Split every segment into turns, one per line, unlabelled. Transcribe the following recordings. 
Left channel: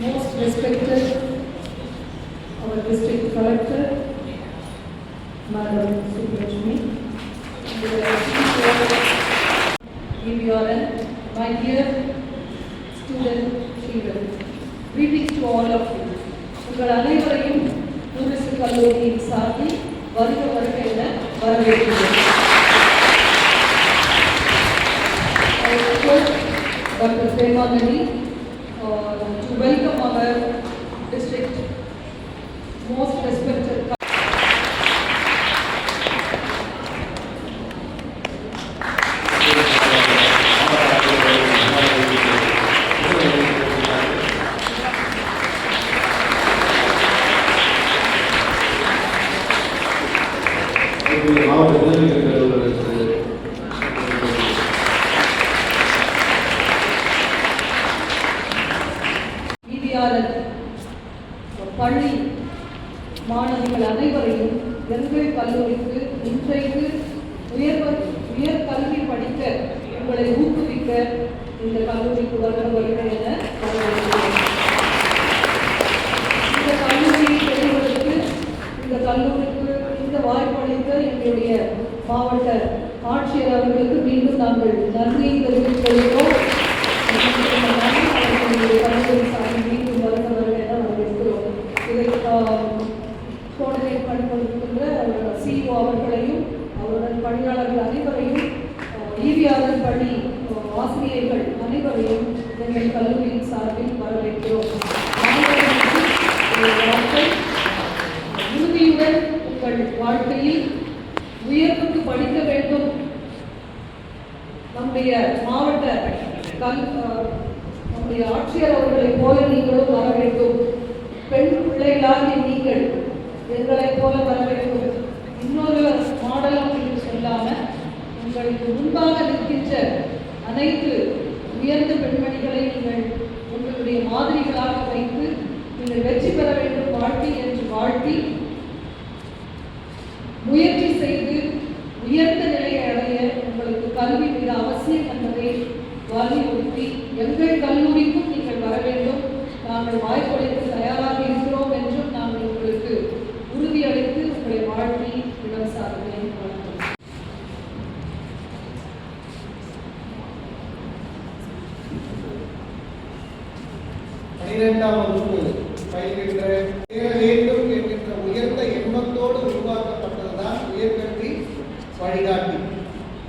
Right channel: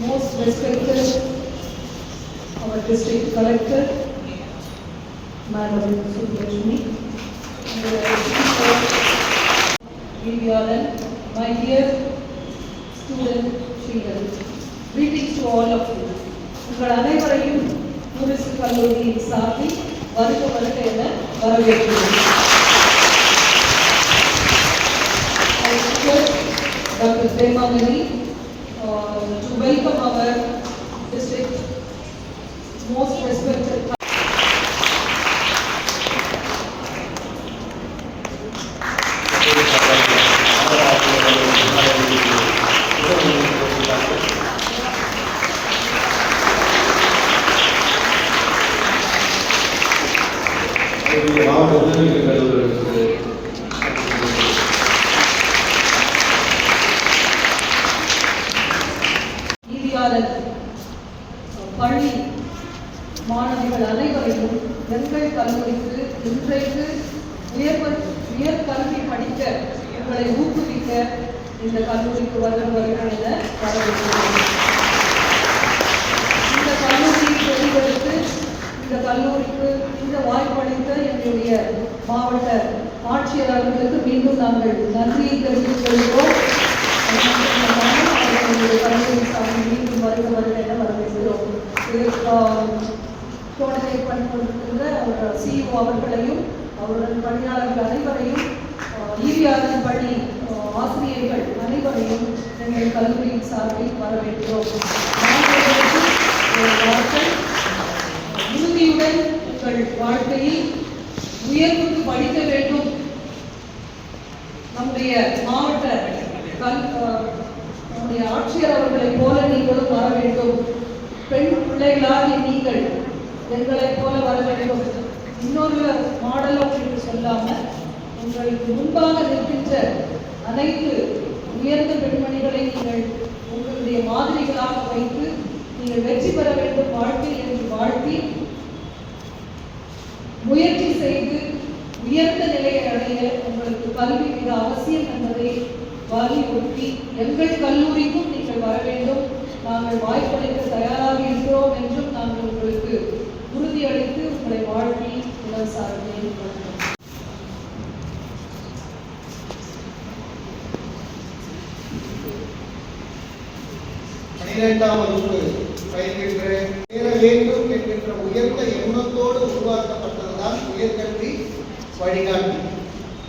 most respected our district collector, Madam Subrajni, Vivianan, my dear student children, greetings to all of you. உங்கள் அனைவரையும் tourist கல்லூரியின் சார்பில் வருக வருக என வரவேற்கிறேன் I request Dr. Premanani uh, to welcome our district most respected பள்ளி மாணவிகள் அனைவரையும் எங்கள் கல்லூரிக்கு இன்றைக்கு உயர் உயர்கல்வி படிக்க உங்களை ஊக்குவிக்க இந்த கல்லூரிக்கு வருக வருக என வரவேற்கிறேன். இந்த கல்லூரியை பெறுவதற்கு இந்த கல்லூரிக்கு இந்த வாய்ப்பளித்த எங்களுடைய மாவட்ட ஆட்சியர் அவர்களுக்கு மீண்டும் நாங்கள் நன்றியை தெரிவித்துக் கொள்கிறோம் அது மட்டுமல்லாமல் அவர்களுடைய கல்லூரி சார்பில் மீண்டும் வருக வருக என வரவேற்கிறோம் இதை கோஆர்டினேட் பண்ணி கொண்டிருக்கின்ற அவர் சிஇஓ அவர்களையும் அவருடன் பணியாளர்கள் அனைவரையும் ஈவிஆர்எல் பள்ளி ஆசிரியர்கள் அனைவரையும் எங்கள் கல்லூரியின் சார்பில் வரவேற்கிறோம். மாணவர்களுக்கு உறுதியுடன் உங்கள் வாழ்க்கையில் உயர்வுக்கு படிக்க வேண்டும். நம்முடைய மாவட்ட கல் நம்முடைய ஆட்சியர் அவர்களை போல நீங்களும் வர வேண்டும். பெண் பிள்ளைகளாகிய நீங்கள் எங்களைப் போல வர வேண்டும். இன்னொரு மாடல் என்று சொல்லாம உங்களுக்கு முன்பாக நிற்கின்ற அனைத்து உயர்ந்த பெண்மணிகளை நீங்கள் உங்களுடைய மாதிரிகளாக வைத்து நீங்கள் வெற்றி பெற வேண்டும் வாழ்க்கை என்று வாழ்த்தி முயற்சி செய்து உயர்ந்த நிலையை அடைய உங்களுக்கு கல்வி மிக அவசியம் என்பதை வலியுறுத்தி எங்கள் கல்லூரிக்கும் நீங்கள் வர வேண்டும். நாங்கள் வாய்ப்பளிக்க தயாராக இருக்கிறோம் என்றும் நாங்கள் உங்களுக்கு உறுதியளித்து உங்களை வாழ்த்தி இளம் சார்பில் வணக்கம்
பனிரெண்டாம் வகுப்பு பயில்கின்ற சேர வேண்டும் என்கின்ற உயர்ந்த எண்ணத்தோடு உருவாக்கப்பட்டதுதான் உயர்கல்வி வழிகாட்டி.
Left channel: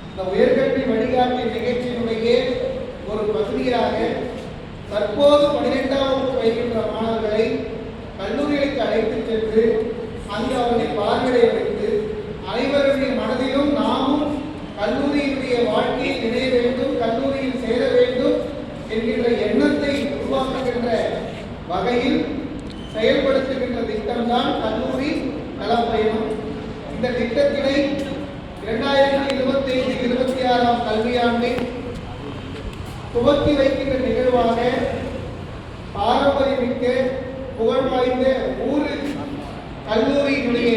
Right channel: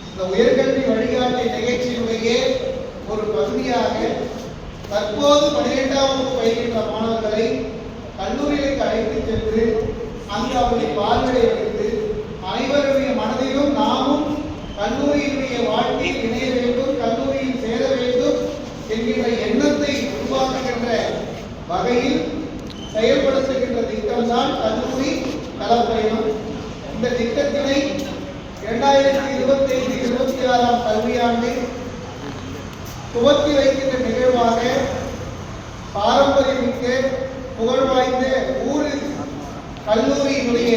இந்த உயர்கல்வி வழிகாட்டி நிகழ்ச்சியினுடைய ஒரு பகுதியாக தற்போது பனிரெண்டாம் வகுப்பு பயில்கின்ற மாணவர்களை கல்லூரிகளுக்கு அழைத்து சென்று அங்கு அவர்களை பார்வையிட வைத்து அனைவருடைய மனதிலும் நாமும் கல்லூரியினுடைய வாழ்க்கையில் இணைய வேண்டும் கல்லூரியில் சேர வேண்டும் என்கின்ற எண்ணத்தை உருவாக்குகின்ற வகையில் செயல்படுத்துகின்ற திட்டம்தான் கல்லூரி களப்பயணம் இந்த திட்டத்தினை இரண்டாயிரத்தி இருபத்தி ஐந்து இருபத்தி ஆறாம் கல்வியாண்டில் துவக்கி வைக்கின்ற நிகழ்வாக பாரம்பரியமிக்க புகழ் வாய்ந்த ஊரில் கல்லூரியினுடைய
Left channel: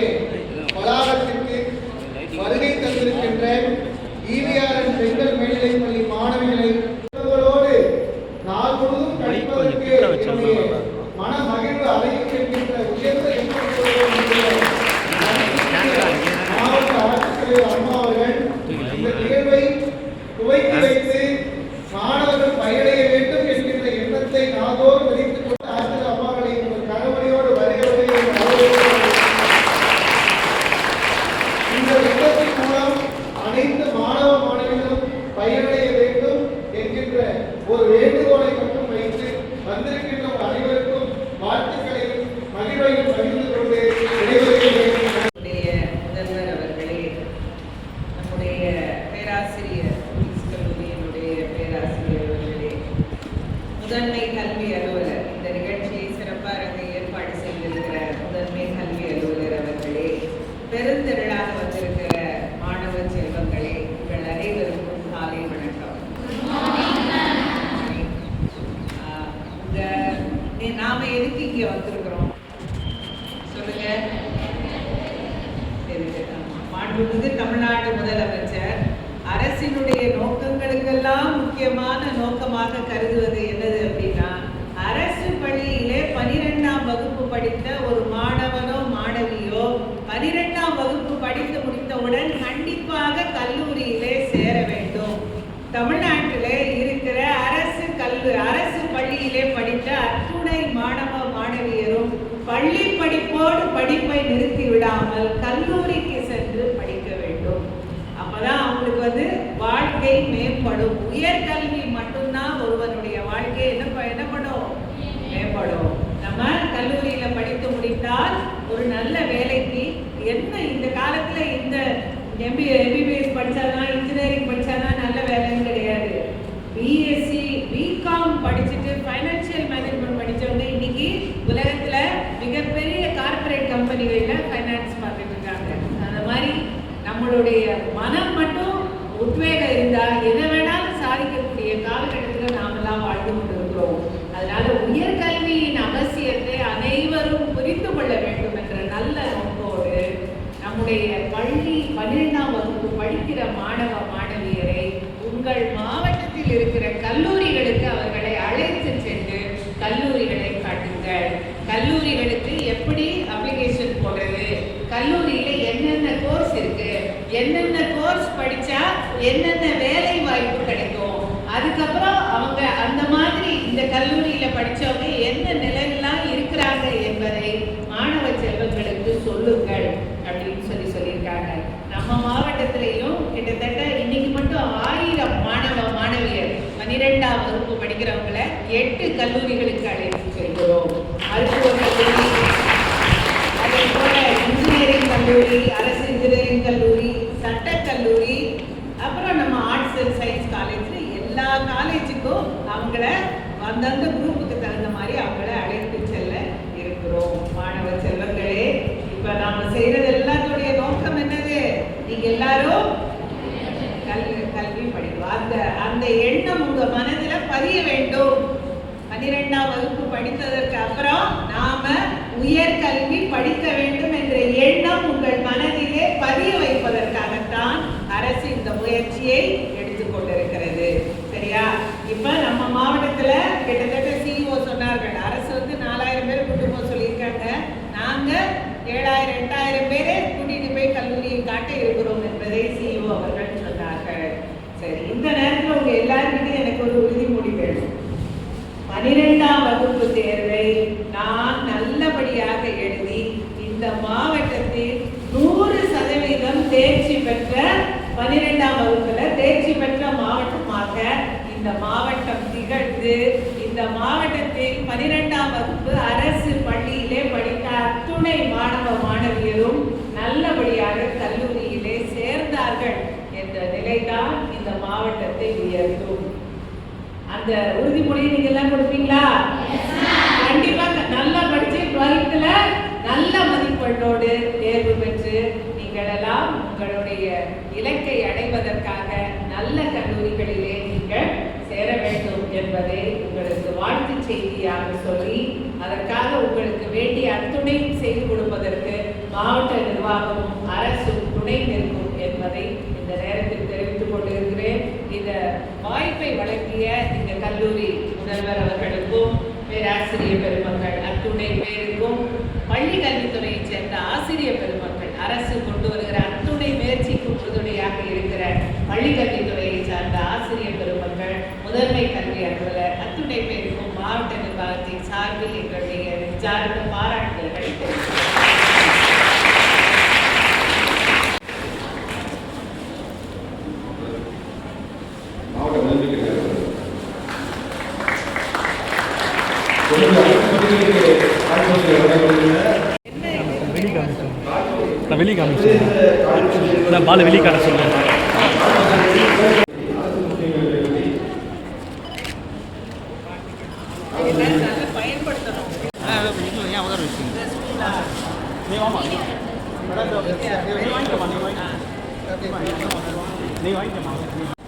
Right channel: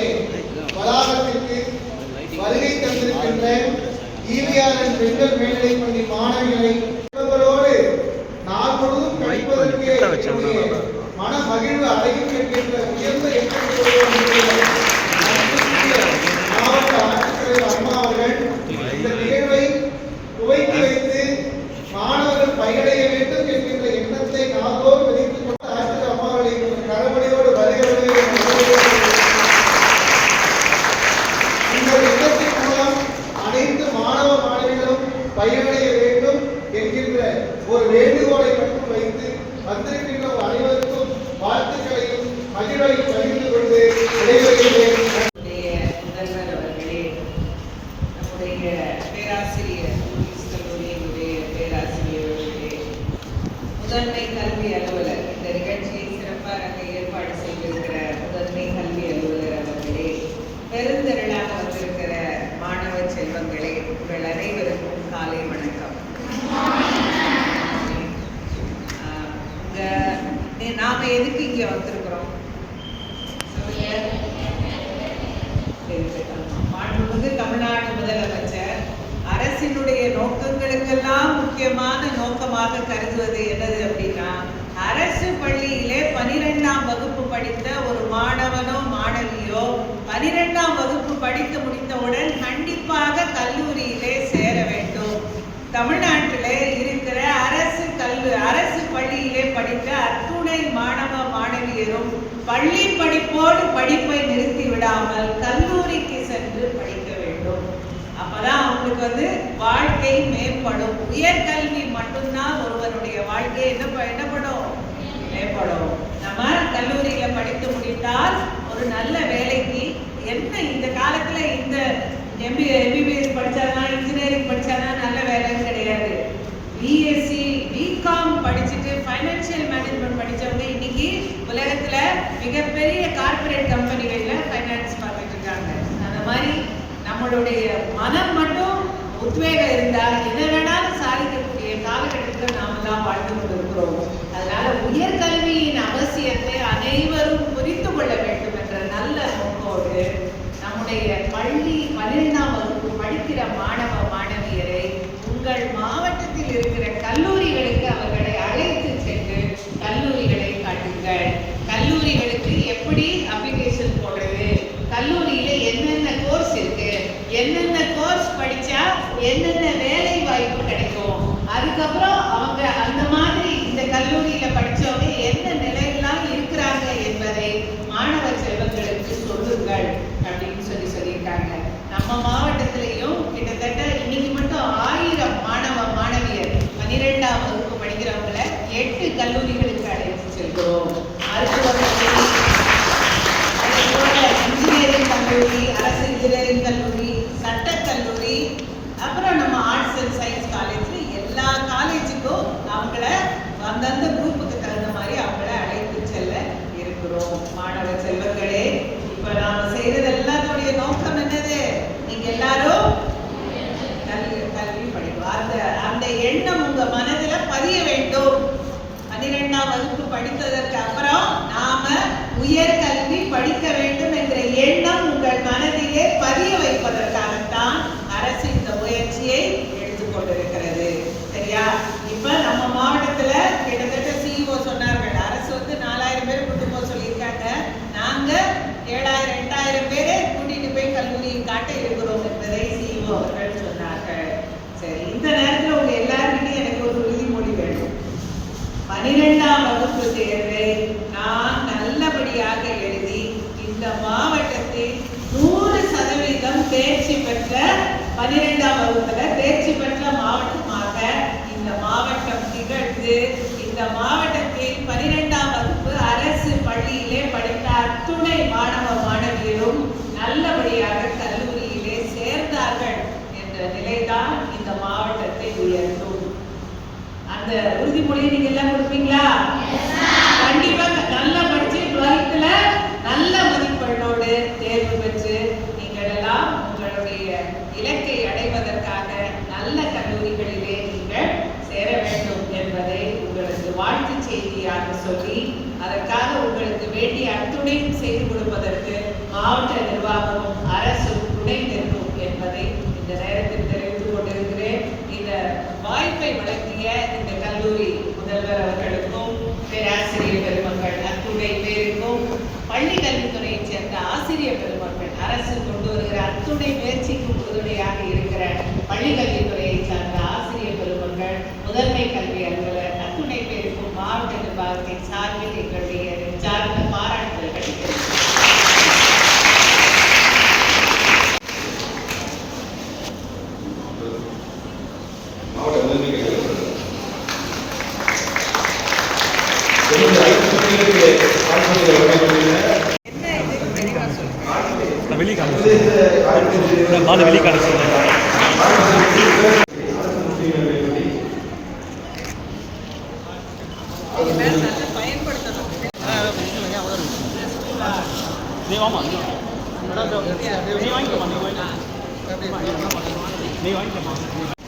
வளாகத்திற்கு வருகை தந்திருக்கின்ற ஈவிஆர்என் பெண்கள் மேல்நிலைப் பள்ளி மாணவிகளை இவர்களோடு நாள் முழுவதும் கழிப்பதற்கு என்னுடைய மன மகிழ்வு அடையும் என்கின்ற உயர்ந்த எண்ணத்தோடு நம்முடைய மாவட்ட ஆட்சித்தலைவர் அம்மா அவர்கள் இந்த நிகழ்வை துவக்கி வைத்து மாணவர்கள் பயனடைய வேண்டும் என்கின்ற எண்ணத்தை நாளோடு விதைத்துக் கொண்ட ஆட்சித்தலைவர் அம்மாவை கரவழியோடு வருகிறவர்கள் இந்த திட்டத்தின் மூலம் அனைத்து மாணவ மாணவிகளும் பயனடைய வேண்டும் என்கிற
மாண்புமிகு தமிழ்நாடு முதலமைச்சர் அரசினுடைய நோக்கங்களுக்கெல்லாம் முக்கியமான நோக்கமாக கருதுவது என்னது அப்படின்னா அரசு பள்ளியிலே பனிரெண்டாம் வகுப்பு படித்த ஒரு மாணவனோ மாணவியோ பனிரெண்டாம் வகுப்பு படித்து முடித்தவுடன் கண்டிப்பாக கல்லூரியிலே சேர வேண்டும். தமிழ்நாட்டிலே இருக்கிற அரசு கல்வி அரசு பள்ளியிலே படித்த அத்துணை மாணவ மாணவியரும் பள்ளி படிப்போடு படிப்பை நிறுத்தி விடாமல் கல்லூரிக்கு சென்று படிக்க வேண்டும். அப்பதான் அவங்களுக்கு வந்து வாழ்க்கை மேம்படும். உயர்கல்வி மட்டும்தான் ஒருவனுடைய வாழ்க்கை என்ன ப- என்னப்படும் மேம்படும் நம்ம கல்லூரியில படித்து முடித்தால் ஒரு நல்ல வேலைக்கு என்ன இந்த காலத்துல இந்த எம்பி எம்பிபிஎஸ் படிச்சானா இன்ஜினியரிங் படிச்சானா நல்ல வேலைன்னு கிடையாது. பிஎஸ்சி பிகாம் படிச்சுட்டு ஃபைனான்சியல் மேனேஜ்மெண்ட் படிச்சவங்க இன்னைக்கு உலகத்துல மிகப்பெரிய கார்ப்பரேட் கம்பெனிகள்ல ஃபைனான்ஸ் பார்த்துட்டு இருக்காங்க. அந்த மாதிரி நம்மளுடைய மனம் மட்டும் உத்வேகம் இருந்தால் எதை வேணாலும் சாதிக்கக்கூடிய காலகட்டத்தில் நாமெல்லாம் வாழ்ந்து கொண்டிருக்கிறோம். அதனால உயர்கல்வி நம்முடைய பள்ளி பன்னிரெண்டாம் வகுப்பு படிக்கிற மாணவ மாணவியரை உங்கள் மாவட்டத்தில் இருக்கிற கல்லூரிகளுக்கு அவர்களை அழைத்து சென்று கல்லூரிகளை காட்டுங்கள். கல்லூரிகளுக்கு எப்படி அப்ளிகேஷன் போடுறது? கல்லூரியில என்னென்ன கோர்ஸ் இருக்கு? என்னென்ன கோர்ஸ் படிச்சா என்னென்ன வேலை வாய்ப்பு கிடைக்கும் அதுக்கப்புறம் அவங்க அந்த மாதிரி இந்த கல்லூரியில படிச்சவங்க என்ன நிலையெல்லாம் இருக்கிறாங்க என்பதை மாணவ செல்வங்களுக்கு சொல்லுங்கள் அப்படின்னு சொல்லி சொல்லியிருக்காங்க நம்ம மாவட்டத்திலையும் கிட்டத்தட்ட இன்னைக்கு மட்டும் ஆயிரம் மாணவ மாணவியர் பன்னிரெண்டாம் வகுப்பு படிக்கிறவங்கள எட்டு கல்லூரிகளுக்கு அழைத்து செல்கிறோம். மருத்துவ அதே போல இன்ஜினியரிங் கல்லூரி அரசு இன்ஜினியரிங் கல்லூரி சட்டக் கல்லூரி அப்புறம் நம்ம ஆர்ட்ஸ் அண்ட் சயின்ஸ் காலேஜில் எல்லா காலேஜுக்கும் அவங்கள அந்தந்த குரூப்புக்கு தகுந்த மாதிரி அவங்கள அழைத்து செல்ல இருக்கிறோம். மாணவ செல்வங்களே இப்ப நாம செய்யறது எல்லாத்துடைய நோக்கம் என்னது? நீங்க எல்லாரும் கல்வி கல்வி படிக்கும் அந்த அந்த எண்ணம் உங்கள் மனதில் பன்னிரெண்டாம் வகுப்பு படித்ததற்கு அப்புறம் நாம உயர்கல்வி படிக்க வேண்டும் என்ற எண்ணம் உங்கள் மனதிலே பதிய வைப்பதற்காகத்தான் அரசு இந்த முயற்சியை எடுத்துக்கொண்டிருக்கிறது சரியா? இப்ப நம்ம மாவட்டத்துல கிட்டத்தட்ட சிஇஓ சொன்னார்கள். அரசு வந்து நாலாயிரம் பேர் கூட்டு போக சொல்லியிருக்காங்க. நாங்க ஏழாயிரம் எட்டாயிரம் பேரே கூட்டிட்டு போய் கல்லூரியை காட்ட இருக்கிறோம் என்பதை சிஇஓ அவர்கள் சொன்னார்கள். சரி இந்த நேரத்துல உங்க எல்லாருக்கிட்டையும் எனக்கு ஒரு உறுதிமொழி வேணும். பனிரெண்டு தேர்வை நான் நல்லபடியாக எழுதி இந்த மாவட்டத்தில் நூறு சதவீதம் தேர்ச்சி பெற்ற பனிரெண்டாம் வகுப்புல தேர்ச்சி பெற்ற மாவட்டமாக இந்த மாவட்டம் திகழ்ந்து இந்த மாவட்டத்தில் பனிரெண்டாம் வகுப்பு அரசு பள்ளியிலே படித்த அத்துணை மாணவ மாணவியரும் நல்லபடியாக கல்லூரியிலே சேர்ந்தார்கள் என்ற நிலைதான் இந்த மாவட்டத்தை உயர்த்தும். அந்த உறுதிமொழியை நீங்க எல்லாம் கொடுப்பீங்களா? கண்டிப்பா நல்லா படிச்சு டுவெல்த்ல நல்ல மதிப்பெண்ணோடு தேர்வு பெற்று நீங்கள் எல்லாம் உங்களுடைய இலக்கை அடைவதற்காக நல்ல கல்லூரிகளிலே நீங்கள் சேர வேண்டும் என்பதை உங்களுக்கு வாழ்த்து செய்தியாக சொல்லி அதற்காக உங்களுக்கு வேண்டிய அத்துணையும் செய்து கொடுப்பதற்கு மாவட்ட நிர்வாகமும் அரசும் துணை நிற்கும் என்பதை இந்த நேரத்தில் தெரிவித்துக் கொண்டிருக்கிறேன். இந்த வாய்ப்பை வழங்கிய இந்த முதல்வர் அவர்களுக்கும் பேராசிரியர் பெருமக்கள் அத்துணை பேருக்கும் பள்ளி கல்வித்துறையைச் சேர்ந்த ஆசிரியர் பெருமக்கள் அரசு கொண்டு வருகிற அத்துணை முயற்சிக்கும் உறுதுணையாக இருக்கிற பள்ளி கல்வித்துறையை சார்ந்த ஆசிரியர் பெருமக்கள் முதன்மை கல்வி அலுவலர் அத்துணை பேருக்கும் மாவட்ட நிர்வாகத்தை சார்ந்த
நீ வாமா நீ வாங்கிக்கமா நீ வாங்கி நீ வாங்கிக்கமா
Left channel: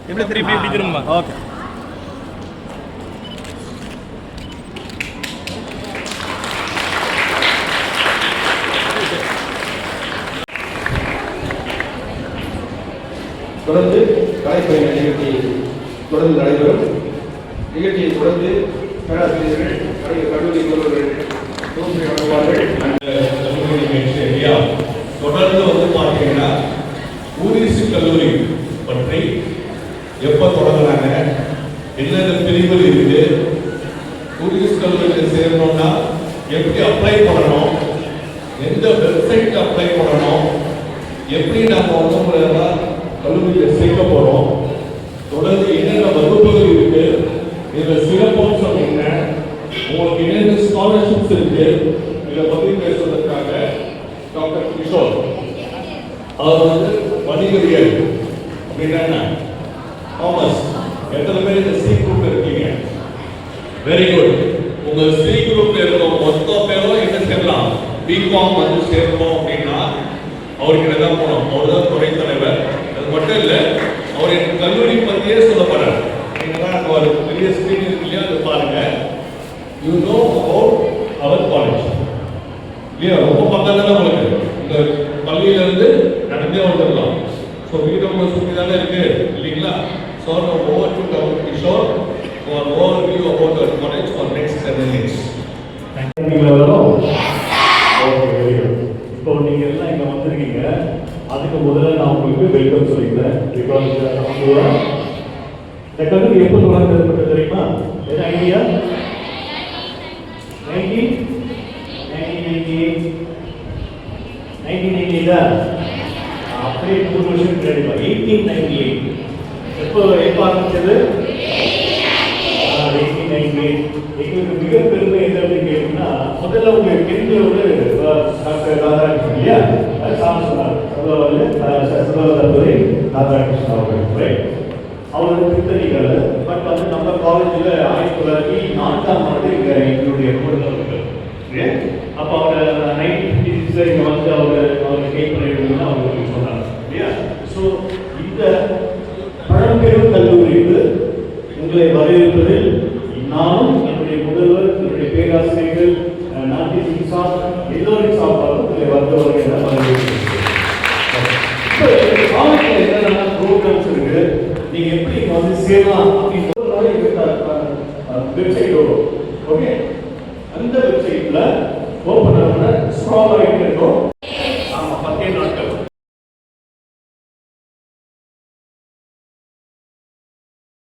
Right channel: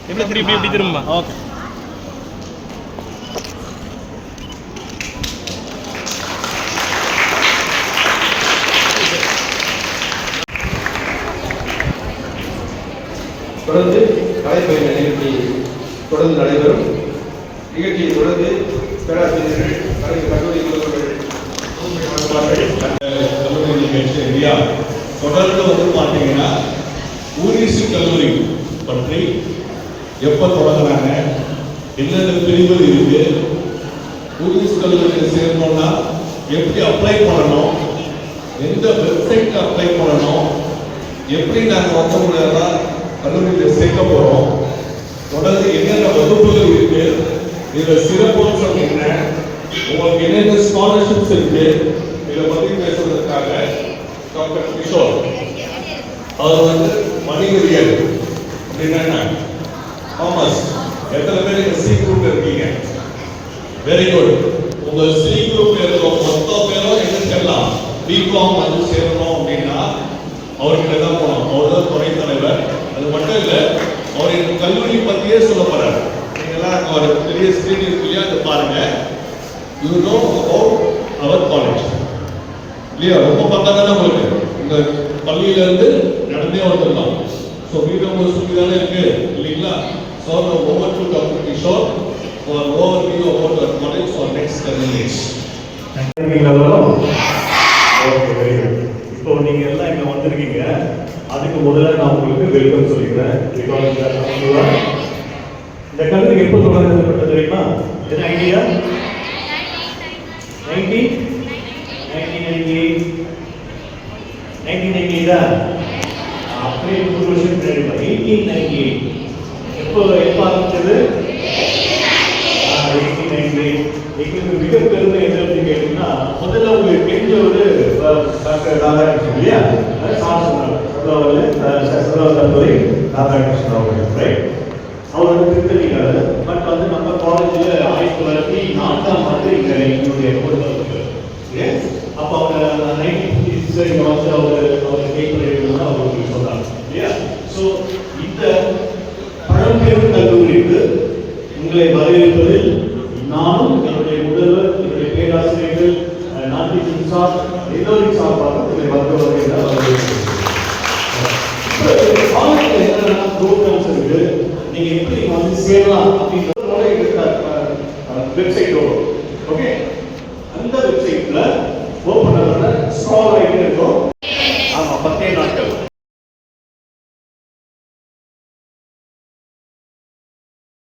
எப்படி திரும்பி எப்படி திரும்ப ஓகே
தொடர்ந்து கலைப்பயிர் நிகழ்ச்சி தொடர்ந்து நடைபெறும். நிகழ்ச்சியை தொடர்ந்து பேராசிரியர்கள் கல்லூரி
இல்லையா தொடர்ந்து வந்து பார்த்தீங்கன்னா ஊரிசு கல்லூரி பற்றி எப்போ தொடங்கினாங்க என்னென்ன பிரிவுகள் இருக்குது ஊரிசு கல்லூரியில் சேர்ந்தோம்னா எப்படி அப்ளை பண்ணணும் எந்த வெப்சைட்டில் அப்ளை பண்ணணும் எப்படி நாங்கள் வந்து உங்களெல்லாம் கல்லூரியில் சேர்க்க போகிறோம் தொடர்ந்து என்னென்ன வகுப்புகள் இருக்குது இதில் சிறப்பம்சம் உங்களுக்கு என்னென்ன ஸ்காலர்ஷிப்ஸ் இருக்கு? இதை பற்றி பேசுறதுக்காக டாக்டர் கிஷோர். அவர் வந்து வணிகவியல். அப்படின்னா என்ன? காமர்ஸ் எத்தனை பேர் சி குரூப் இருக்கீங்க? வெரி குட் உங்க சி குரூப் இருக்கிற மொத்த பேரும் என்ன சேரலாம் பிகாம் வந்து சேரணும் அப்படின்னா அவர்கிட்ட தான் போனோம் அவர் தான் துறை தலைவர். அது மட்டும் இல்லை அவர் எனக்கு கல்லூரி பற்றியே சொல்ல நீங்கள் நீங்களாம் அங்க ஒரு பெரிய ஸ்கிரீன் இருக்கு இல்லையா? அதை பாருங்க. You know about our college இல்லையா? ரொம்ப பக்கம் தானே உங்களுக்கு? இந்த பள்ளியில இருந்து நடந்தே வந்துடலாம். ஸோ வீடு உங்க சுற்றி தானே இருக்கு இல்லைங்களா? So over to cover Kishore for overview about our college for next
ten minutes okay very good இப்போ நீங்க எல்லாம் இங்க வந்திருக்கீங்க. அதுக்கு முதல்ல நான் உங்களுக்கு வெல்கம் சொல்லிக்கிறேன். பிகாஸ் uh, இந்த கருத்து எப்போ தொடங்கப்பட்டது தெரியுமா? ஐடியா நைன்டீன் அப்படியே நூறு வருஷம் பின்னாடி எயிட்டீன் நைன்டி எயிட் எப்போ எப்போ ஆரம்பிச்சது? எயிட்டீன் நைன்டி எயிட் எங்களுக்கு மிக பெருமை என்ன அப்படின்னு கேட்டீங்கன்னா முதல்ல உங்களுக்கு தெரிஞ்ச ஒரு டாக்டர் ராதாகிருஷ்ணன் இல்லையா? அது சார் சொன்னார் முதல்ல வந்து தற்போது ராதாகிருஷ்ணன் அவர்கள் ரைட் அவர் வந்து பட் வந்து நம்ம காலேஜில் ஆயிரத்தி தொள்ளாயிரத்தி நான்காம் ஆண்டு இங்கே எங்களுடைய முதல்வர் அப்போ அவர் நைன்டீன் ஃபிஃப்டி சிக்ஸ் இங்கே வந்து அவர் கை பண்ணிருக்கணும் அவங்களுக்கு சொன்னாங்க இல்லையா ஸோ இந்த பழம்பெரும் கல்லூரிக்கு உங்களை வரவேற்பதில் நானும் என்னுடைய முதல்வர் என்னுடைய பேராசிரியர்கள் அஹ், நாட்டின் சிங்சா எல்லோரின் சார்பாக உங்களை வந்து என்னென்ன ப்ரோக்ராம்ஸ் இருக்கு நீங்க எப்படி இங்க வந்து சேரலாம் அப்படின்ற வெப்சைட் வரும் ஓகே அந்த வெப்சைட்ல